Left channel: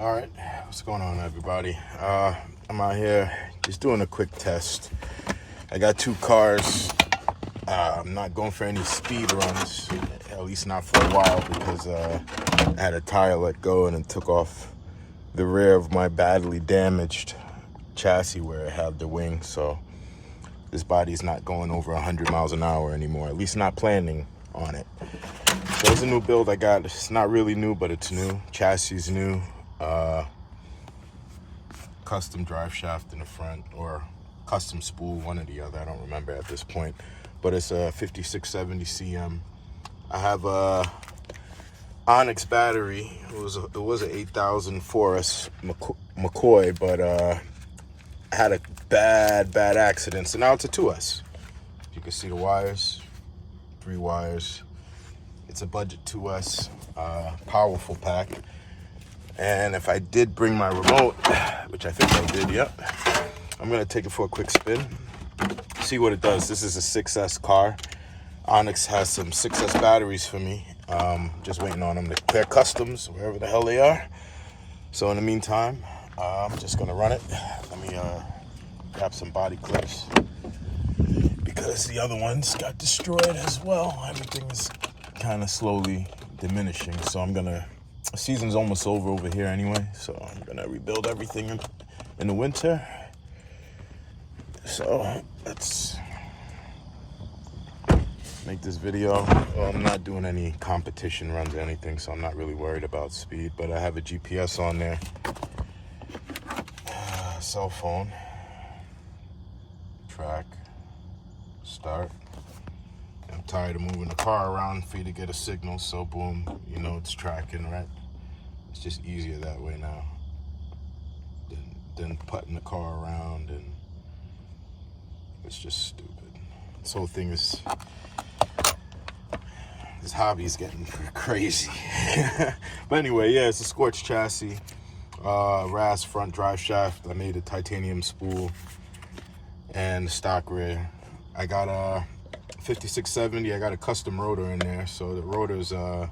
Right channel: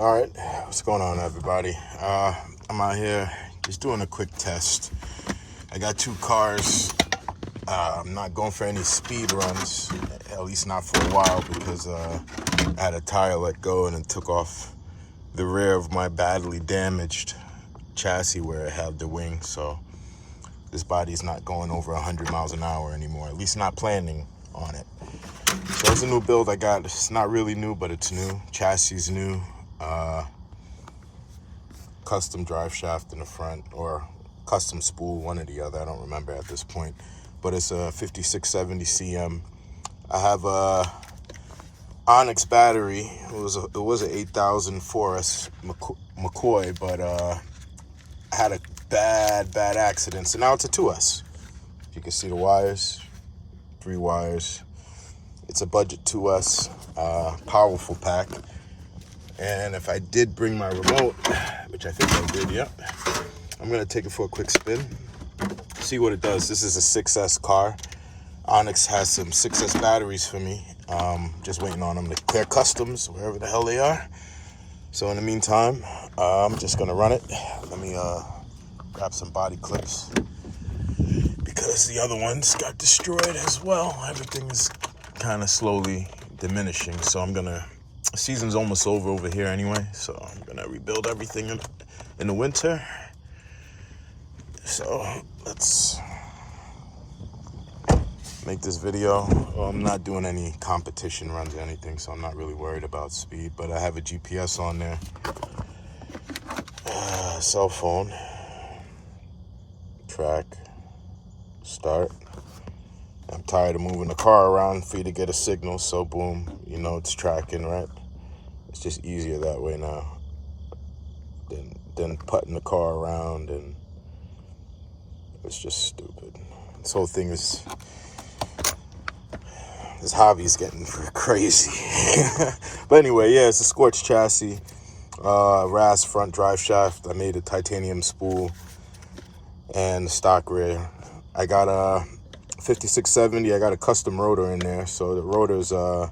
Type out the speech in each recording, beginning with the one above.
All right, what's going on, everybody? I'm out here just doing a quick test. I got two cars. I'm not going for any speed runs, at least not for a while, because I had a tire let go and it took off the rear of my badly damaged chassis where it had the wing. So this body's not going over 100 miles an hour anymore, at least not planning on it. So it's a new build I got. It's not really new, but it's new. Chassis is new. Custom drive shaft in the front, or custom spool, one or the other. I don't remember at this point, but it's a 5670 CM. I have a Onyx battery. It was an 8000 4S McCoy, but I had a bad accident, so now it's a 2S. You can see the wires, 3 wires. It's a budget 2S, powerful pack. And if I did bring my remote, which I think I did, yep, I'm gonna take it for a quick spin, see what it does. This is a 6S car. Onyx has some 6S batteries for me. Just waiting on them to clear customs, wherever the hell they are. So in the meantime, I'm just gonna run it. Let me grab some body clips, because the other ones got destroyed as well. Everything is kind of slowly diminishing, so I'm gonna, season's almost over here anyway, so I'm gonna rebuild everything in the winter. So let's make this video. Well, I'm not doing any competition runs or anything, so I'm not really worried about speed, but I have a GPS on there, cell phone, track, start. I'm tired of moving the car around for you to get a signal, so boom, you know it's tracking, right? It's just easier that way now than putting the car around, and it's just stupid. This whole thing is, this hobby's getting crazy. But anyway, yeah, it's a Scorch chassis, RAS front drive shaft. I made a titanium spool and the stock rear. I got a 5670. I got a custom rotor in there, so the rotor's I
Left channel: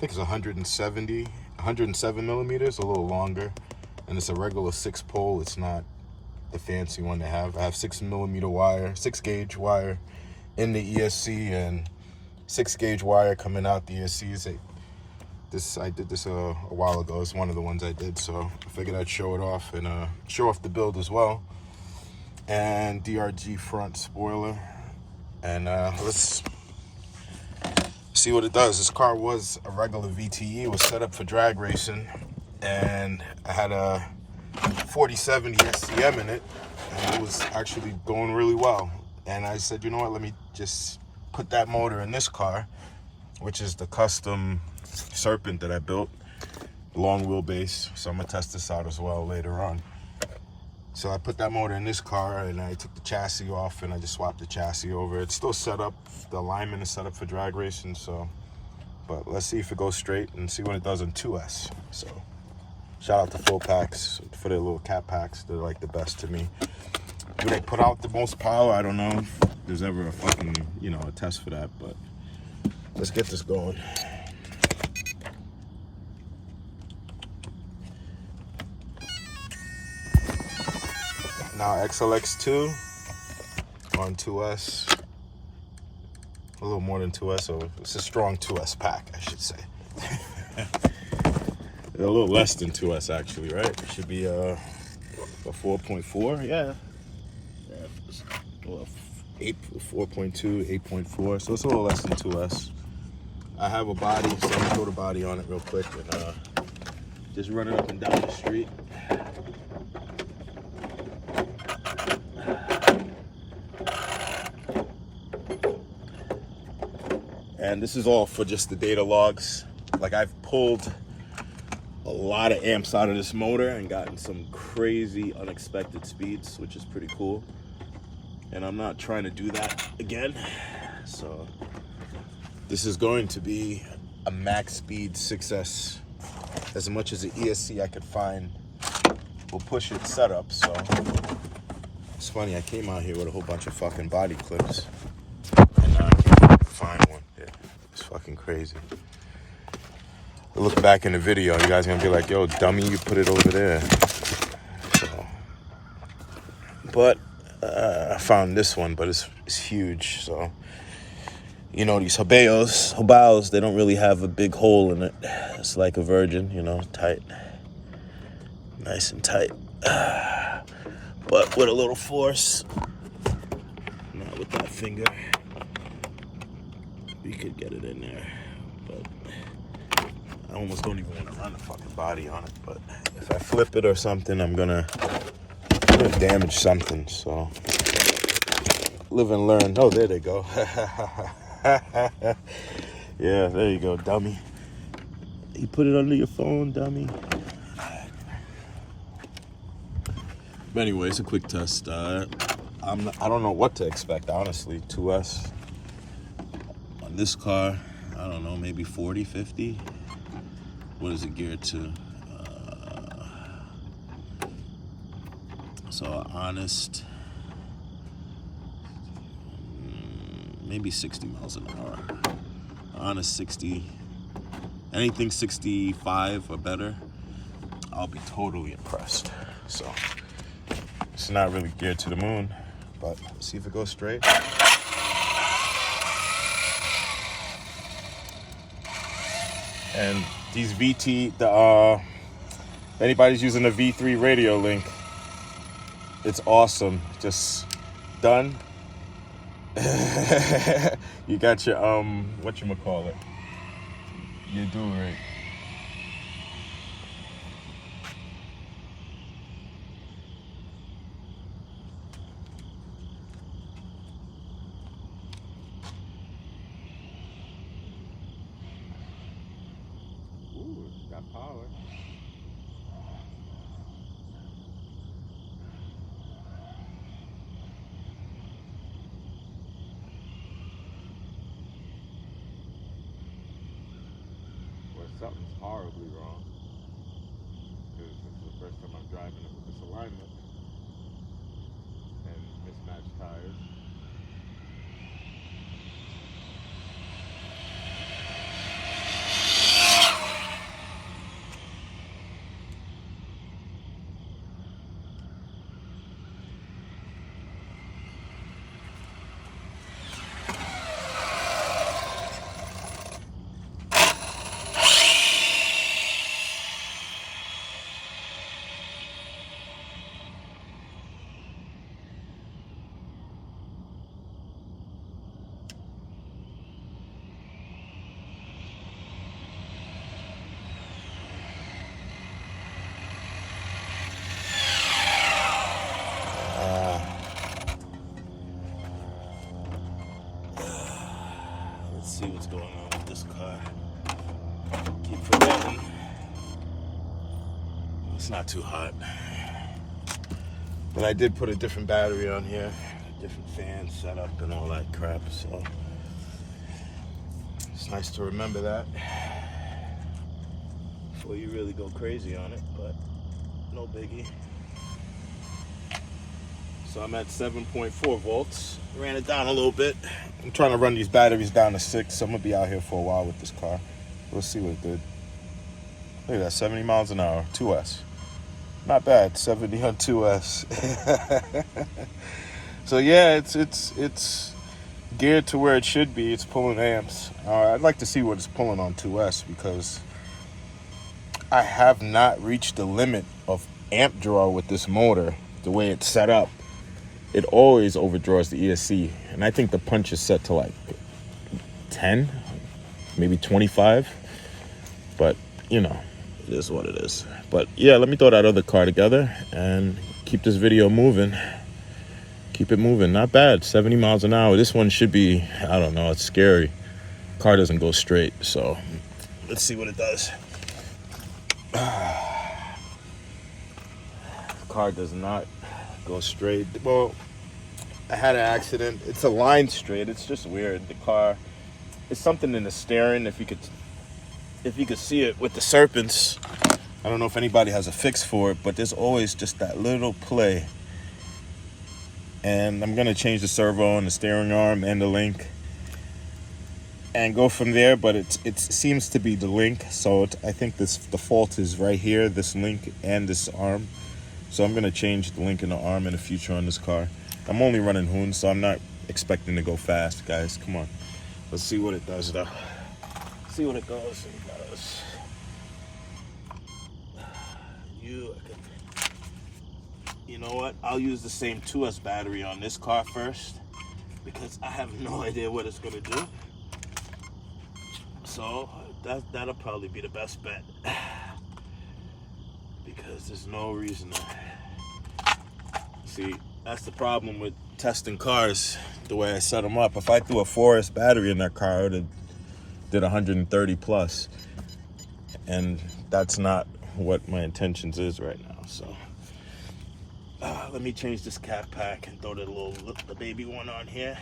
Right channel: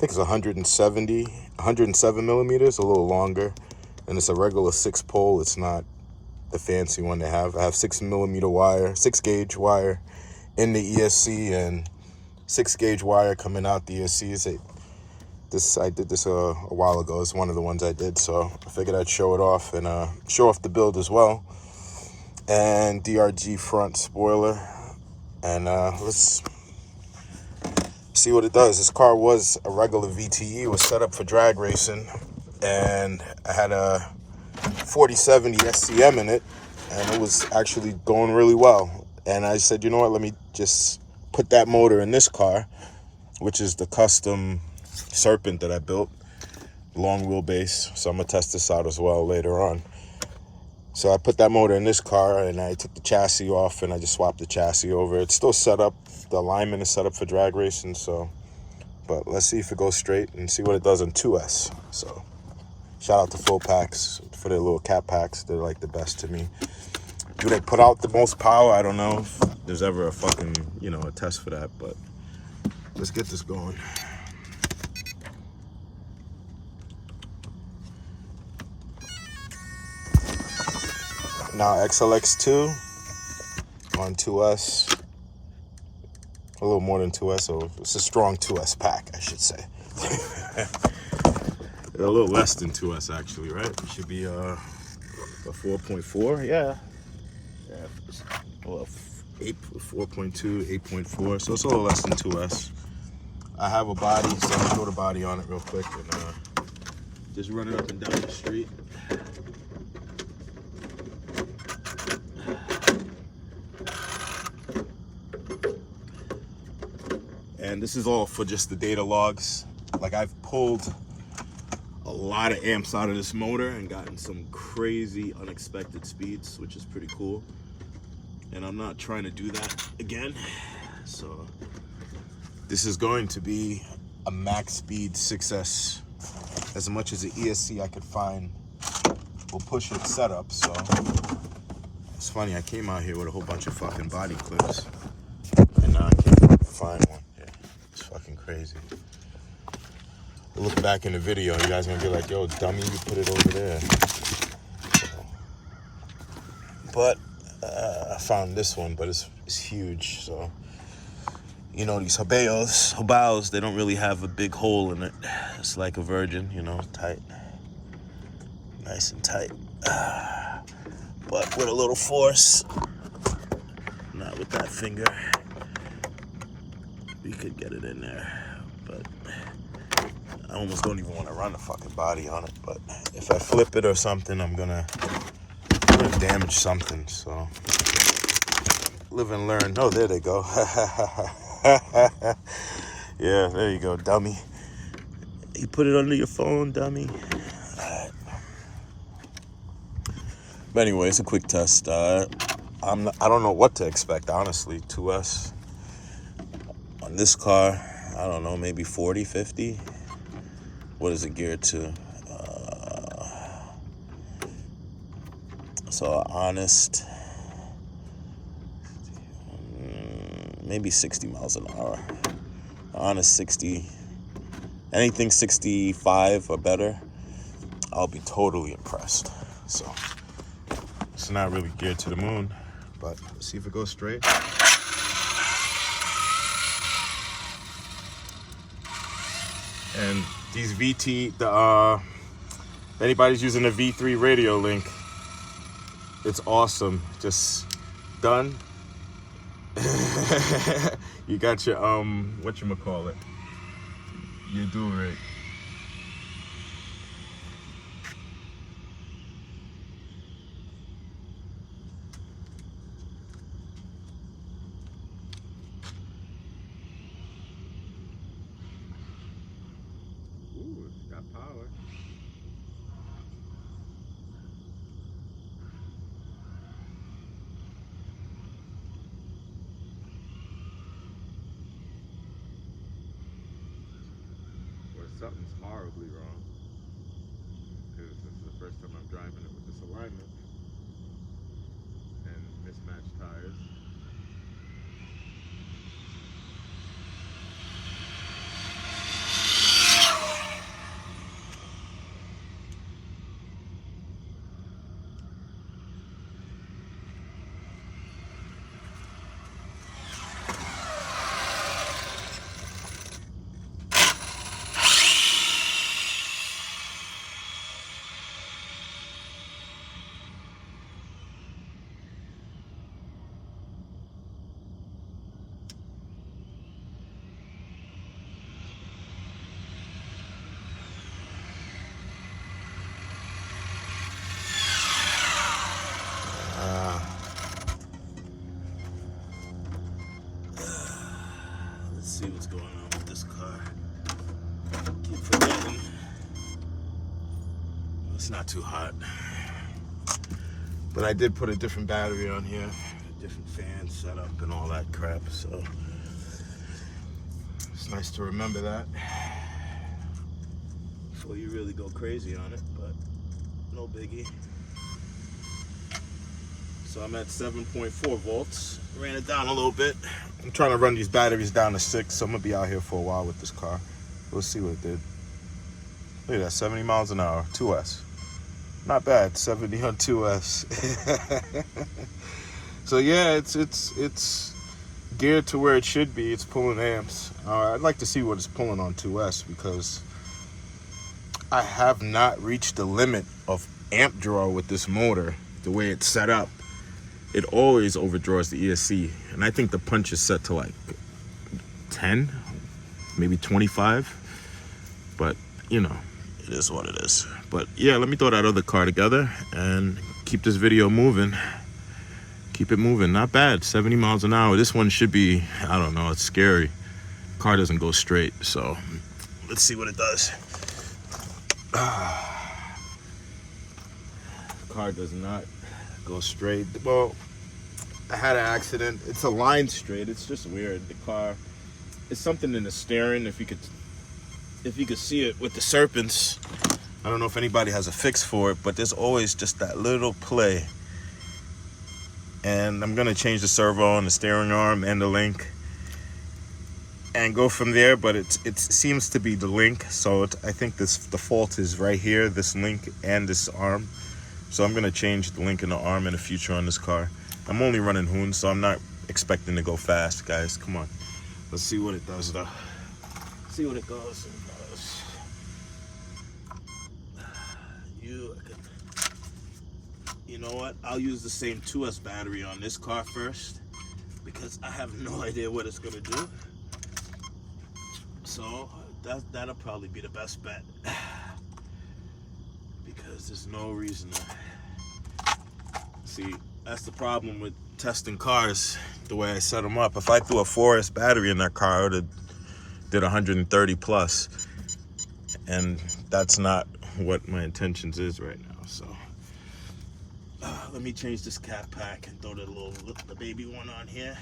think it's 107 millimeters, a little longer, and it's a regular 6-pole. It's not the fancy one they have. I have 6 gauge wire in the ESC, and 6 gauge wire coming out the ESC. I did this a while ago. It's one of the ones I did, so I figured I'd show it off and show off the build as well. And DRG front spoiler, and let's see what it does. This car was a regular VTE. It was set up for drag racing, and I had a 4070 SCM in it, and it was actually going really well. And I said, you know what, let me just put that motor in this car, which is the custom Serpent that I built, long wheelbase. So I'm gonna test this out as well later on. So I put that motor in this car, and I took the chassis off, and I just swapped the chassis over. It's still set up, the alignment is set up for drag racing, so, but let's see if it goes straight and see what it does in 2S. So shout out to Full Packs for their little cat packs. They're like the best to me. Do they put out the most power? I don't know if there's ever a fucking, you know, a test for that, but let's get this going. Now XLX2 on 2S, a little more than 2S, so it's a strong 2S pack, I should say. A little less than 2S actually, right? It should be a 4.4, yeah. Well, 4.2, 8.4, so it's a little less than 2S. I have a body, so I'm gonna throw the body on it real quick and just run it up and down the street. And this is all for just the data logs. Like, I've pulled a lot of amps out of this motor and gotten some crazy unexpected speeds, which is pretty cool. And I'm not trying to do that again. So this is going to be a max speed 6S. As much as the ESC I could find will push its setup. So it's funny, I came out here with a whole bunch of fucking body clips, and I can't find one. Yeah, it's fucking crazy. look back in the video, you guys are gonna be like, yo, dummy, you put it over there. So, but I found this one, but it's huge. So, you know, these Hobaos, they don't really have a big hole in it. It's like a Virgin, you know, tight, nice and tight. But with a little force, not with that finger, we could get it in there. But I almost don't even want to run the fucking body on it. But if I flip it or something, I'm gonna damage something. So live and learn. Oh, there they go. Yeah, there you go, dummy. You put it under your phone, dummy. But anyway, it's a quick test. I don't know what to expect, honestly. 2S on this car, I don't know, maybe 40, 50. What is it geared to? So honest, maybe 60 miles an hour. Honest 60, anything 65 or better, I'll be totally impressed. So it's not really geared to the moon, but see if it goes straight. And these VT, anybody's using a V3 radio link, it's awesome. Just done. You got your whatchamacallit, your do-rig. Ooh, it's got power. Something's horribly wrong, because this is the first time I'm driving it with this alignment and mismatched tires. See what's going on with this car. Keep forgetting. It's not too hot. But I did put a different battery on here, a different fan setup and all that crap, so it's nice to remember that before you really go crazy on it, but no biggie. So I'm at 7.4 volts. Ran it down a little bit. I'm trying to run these batteries down to 6, so I'm gonna be out here for a while with this car. We'll see what it did. Look at that, 70 miles an hour, 2S. Not bad, 70 on 2S. So yeah, it's geared to where it should be. It's pulling amps. I'd like to see what it's pulling on 2S, because I have not reached the limit of amp draw with this motor, the way it's set up. It always overdraws the ESC, and I think the punch is set to like 10, maybe 25, but you know, it is what it is. But yeah, let me throw that other car together and keep this video moving. Keep it moving. Not bad, 70 miles an hour. This one should be, I don't know, it's scary. Car doesn't go straight, so let's see what it does. Car does not go straight. Well, I had an accident. It's aligned straight. It's just weird. The car, it's something in the steering. If you could see it with the Serpents, I don't know if anybody has a fix for it, but there's always just that little play. And I'm gonna change the servo and the steering arm and the link. and go from there. But it seems to be the link, so I think the fault is right here, this link and this arm. So I'm gonna change the link and the arm in the future on this car. I'm only running Hoon, so I'm not expecting to go fast, guys. Come on, let's see what it does though. See what it goes. You know what? I'll use the same 2S battery on this car first, because I have no idea what it's gonna do. So that'll probably be the best bet, because there's no reason to. See, that's the problem with testing cars the way I set them up. If I threw a 4S battery in that car, I would have did 130 plus, and that's not what my intentions is right now. So let me change this cat pack and throw the baby one on here.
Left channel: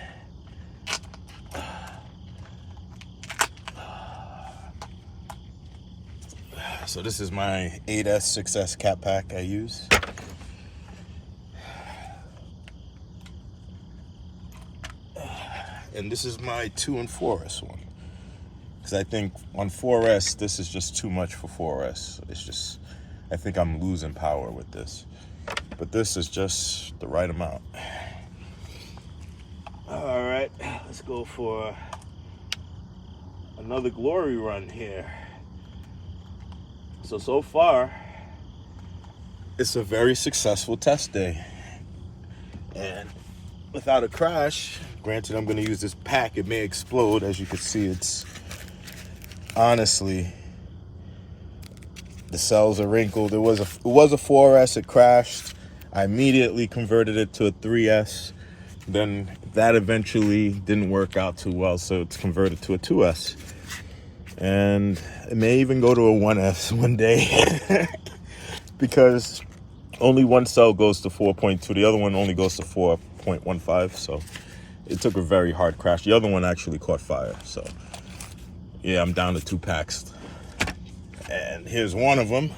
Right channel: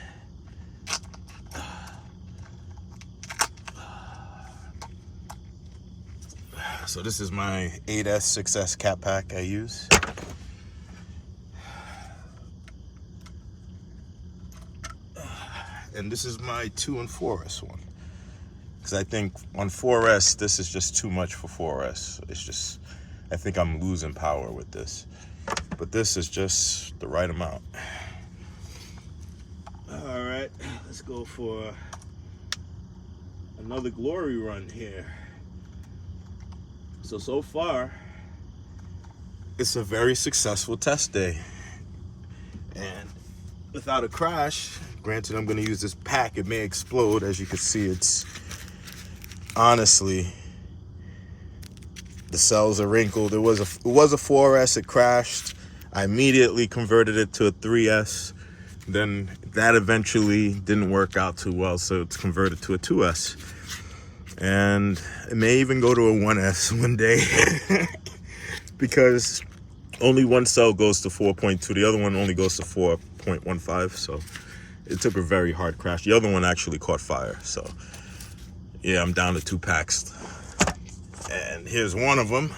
So this is my 8S 6S cat pack I use. And this is my 2 and 4S one. Because I think on 4S, this is just too much for 4S. It's just, I think I'm losing power with this. But this is just the right amount. All right, let's go for another glory run here. So far, it's a very successful test day. And without a crash, granted I'm gonna use this pack, it may explode. As you can see, it's honestly, the cells are wrinkled. It was a 4S, it crashed. I immediately converted it to a 3S. Then that eventually didn't work out too well, so it's converted to a 2S. And it may even go to a 1S one day because only one cell goes to 4.2. The other one only goes to 4.15. So it took a very hard crash. The other one actually caught fire. So yeah, I'm down to 2 packs. And here's one of them,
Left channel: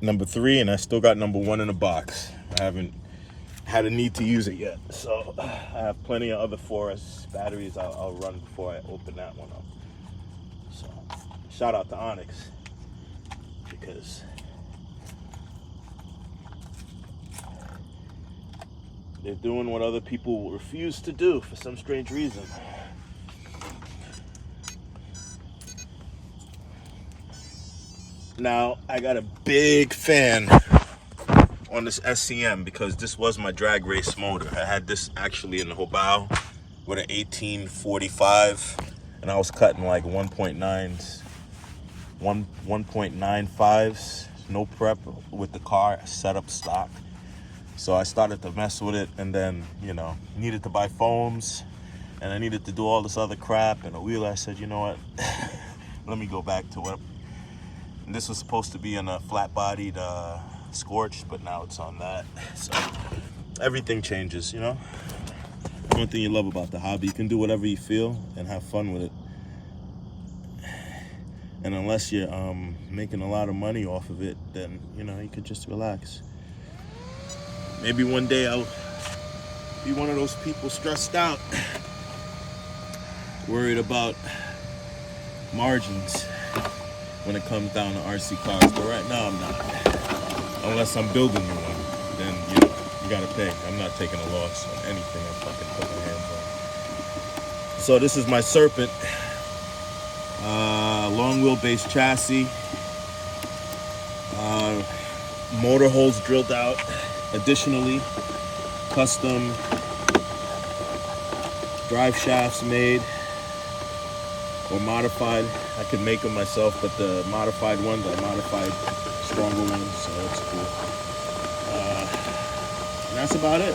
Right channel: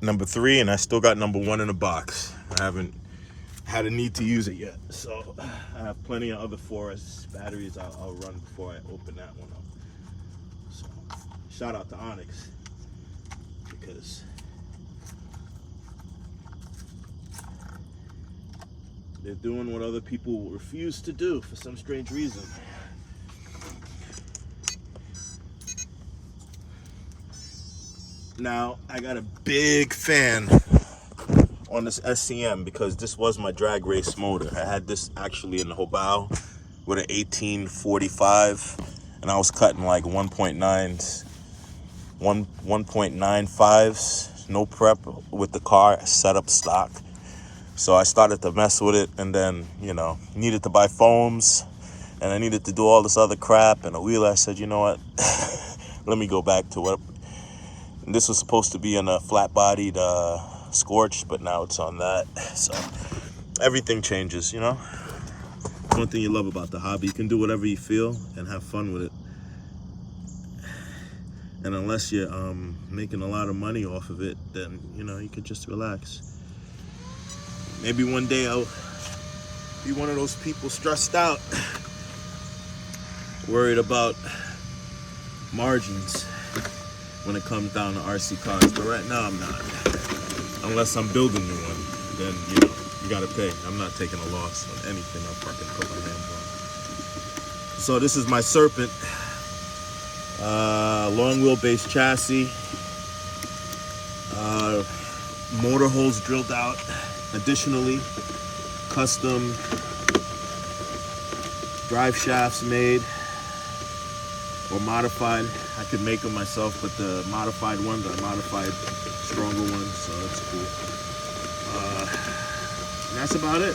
number 3, and I still got number 1 in the box. I haven't had a need to use it yet. So I have plenty of other 4S batteries I'll run before I open that one up. So shout out to Onyx, because they're doing what other people refuse to do for some strange reason. Now, I got a big fan on this SCM because this was my drag race motor. I had this actually in the Hobao with an 1845, and I was cutting like 1.95s, no prep with the car set up stock. So I started to mess with it, and then, you know, needed to buy foams, and I needed to do all this other crap, and a wheeler. I said, you know what, let me go back to what. This was supposed to be in a flat-bodied Scorched, but now it's on that. So everything changes, you know. One thing you love about the hobby, you can do whatever you feel and have fun with it. And unless you're making a lot of money off of it, then, you know, you could just relax. Maybe one day I'll be one of those people stressed out, worried about margins when it comes down to RC cars, but right now I'm not. Unless I'm building one, then, you know, you gotta pay. I'm not taking a loss on anything I'm fucking putting my hands on. So this is my Serpent, long wheelbase chassis, motor holes drilled out. Additionally, custom drive shafts made or modified. I could make them myself, but the modified ones are modified stronger ones, so that's cool. And that's about it.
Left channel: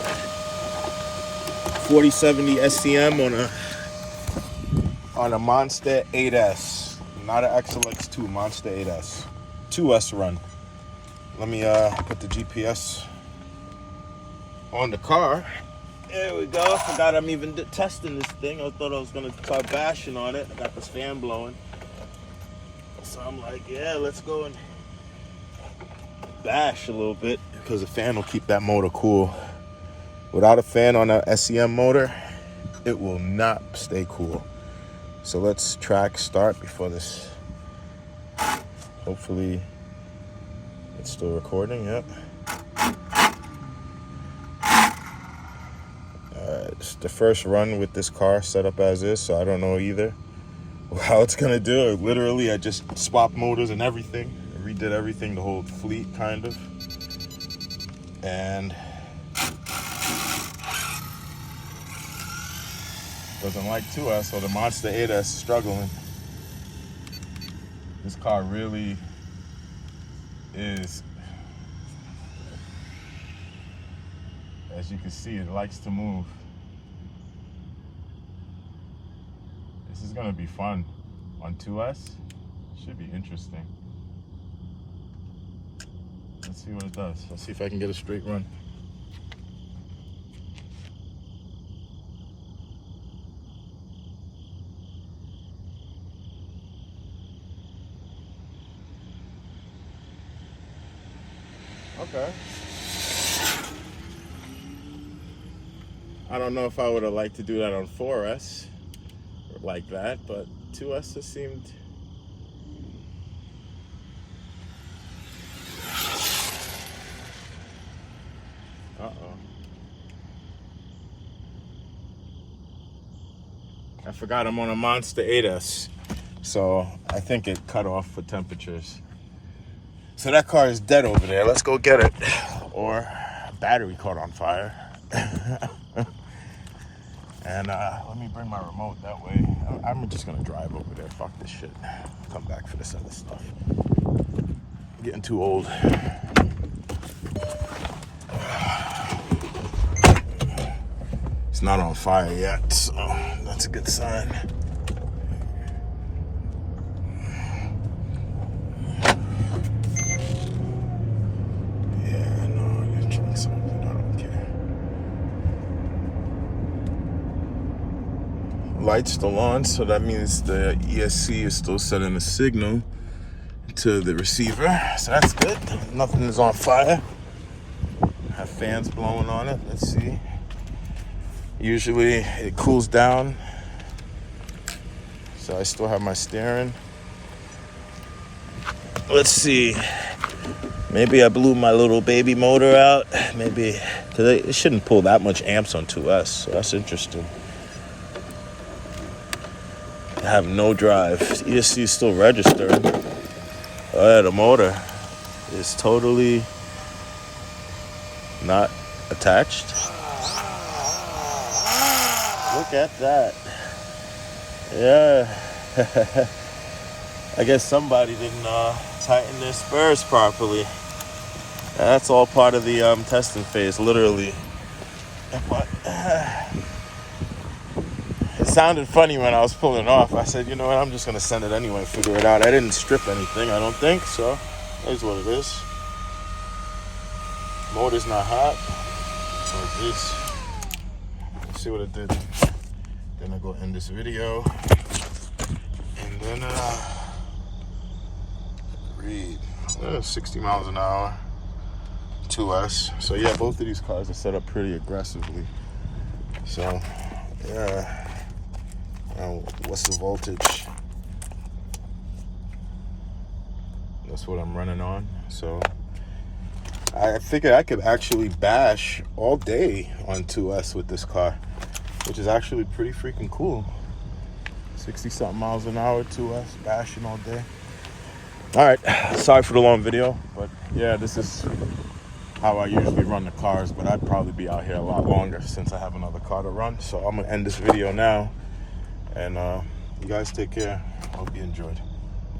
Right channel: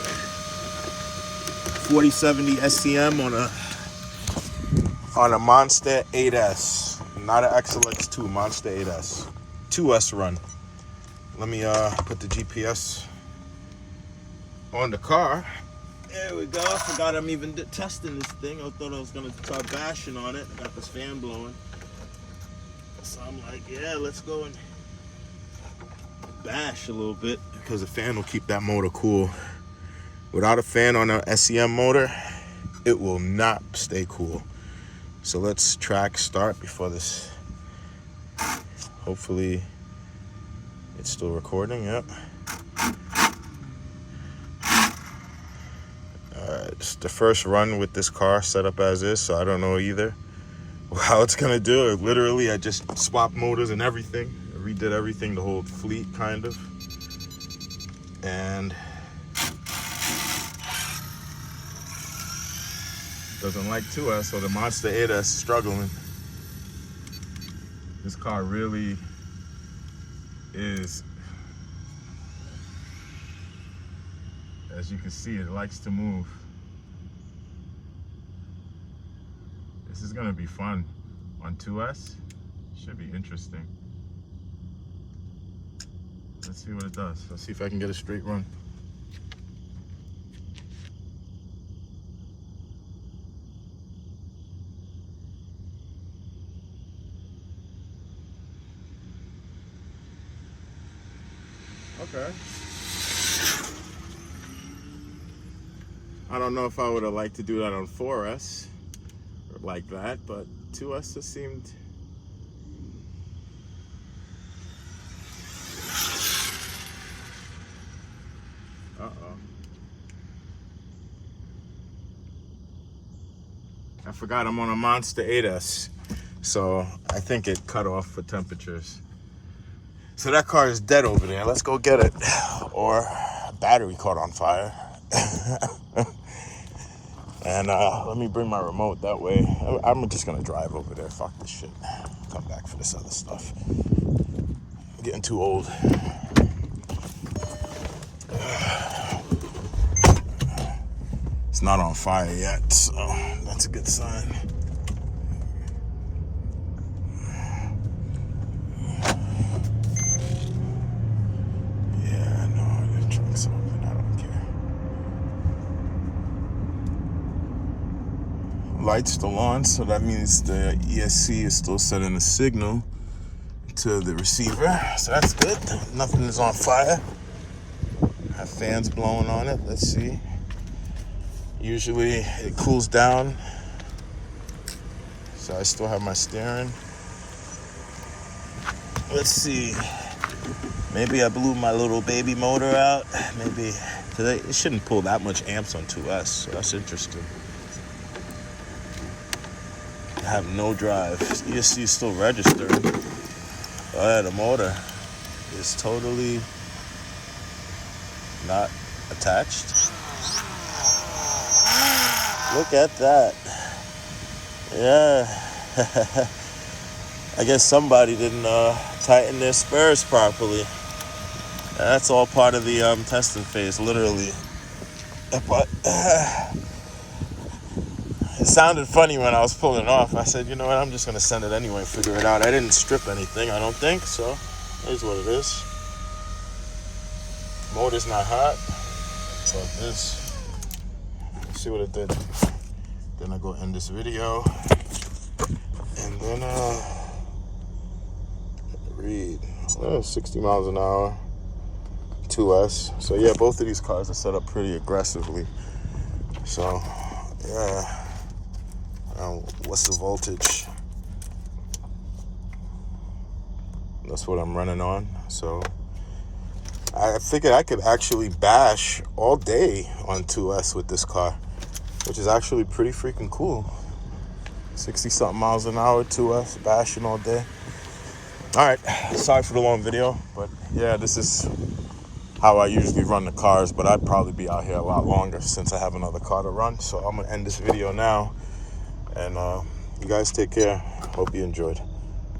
4070 SCM on a Monster 8S, not an XLX2, Monster 8S, 2S run. Let me put the GPS on the car. There we go. I forgot I'm even testing this thing. I thought I was gonna start bashing on it. I got this fan blowing. So I'm like, yeah, let's go and bash a little bit, because the fan will keep that motor cool. Without a fan on an SCM motor, it will not stay cool. So let's track start before this. Hopefully it's still recording. Yep. It's the first run with this car set up as is, so I don't know either how it's gonna do. Literally, I just swapped motors and everything. I redid everything, the whole fleet kind of. And doesn't like 2S, so the Monster 8S is struggling. This car really is, as you can see, it likes to move. This is gonna be fun on 2S. Should be interesting. Let's see what it does. Let's see if I can get a straight run. Okay. I don't know if I would have liked to do that on 4S like that, but 2S just seemed. I forgot I'm on a Monster 8S, so I think it cut off for temperatures. So that car is dead over there. Let's go get it. Or a battery caught on fire. And let me bring my remote that way. I'm just gonna drive over there. Fuck this shit. Come back for this other stuff. I'm getting too old. It's not on fire yet, so that's a good sign. Light's still on, so that means the ESC is still sending a signal to the receiver, so that's good. Nothing is on fire. Have fans blowing on it. Let's see. Usually it cools down, so I still have my steering. Let's see. Maybe I blew my little baby motor out. Maybe, because it shouldn't pull that much amps on 2S, so that's interesting. I have no drive. ESC is still registering. Oh yeah, the motor is totally not attached. Look at that. Yeah. I guess somebody didn't tighten their spurs properly. That's all part of the testing phase, literally. But it sounded funny when I was pulling off. I said, you know what, I'm just gonna send it anyway, figure it out. I didn't strip anything, I don't think, so here's what it is. Motor's not hot, so this. Let's see what it did. Then I go end this video, and then read. 60 miles an hour, 2S. So yeah, both of these cars are set up pretty aggressively. So yeah. What's the voltage? That's what I'm running on. So I figured I could actually bash all day on 2S with this car, which is actually pretty freaking cool. 60 something miles an hour, 2S, bashing all day. All right, sorry for the long video, but yeah, this is how I usually run the cars, but I'd probably be out here a lot longer since I have another car to run. So I'm gonna end this video now. And you guys take care. Hope you enjoyed.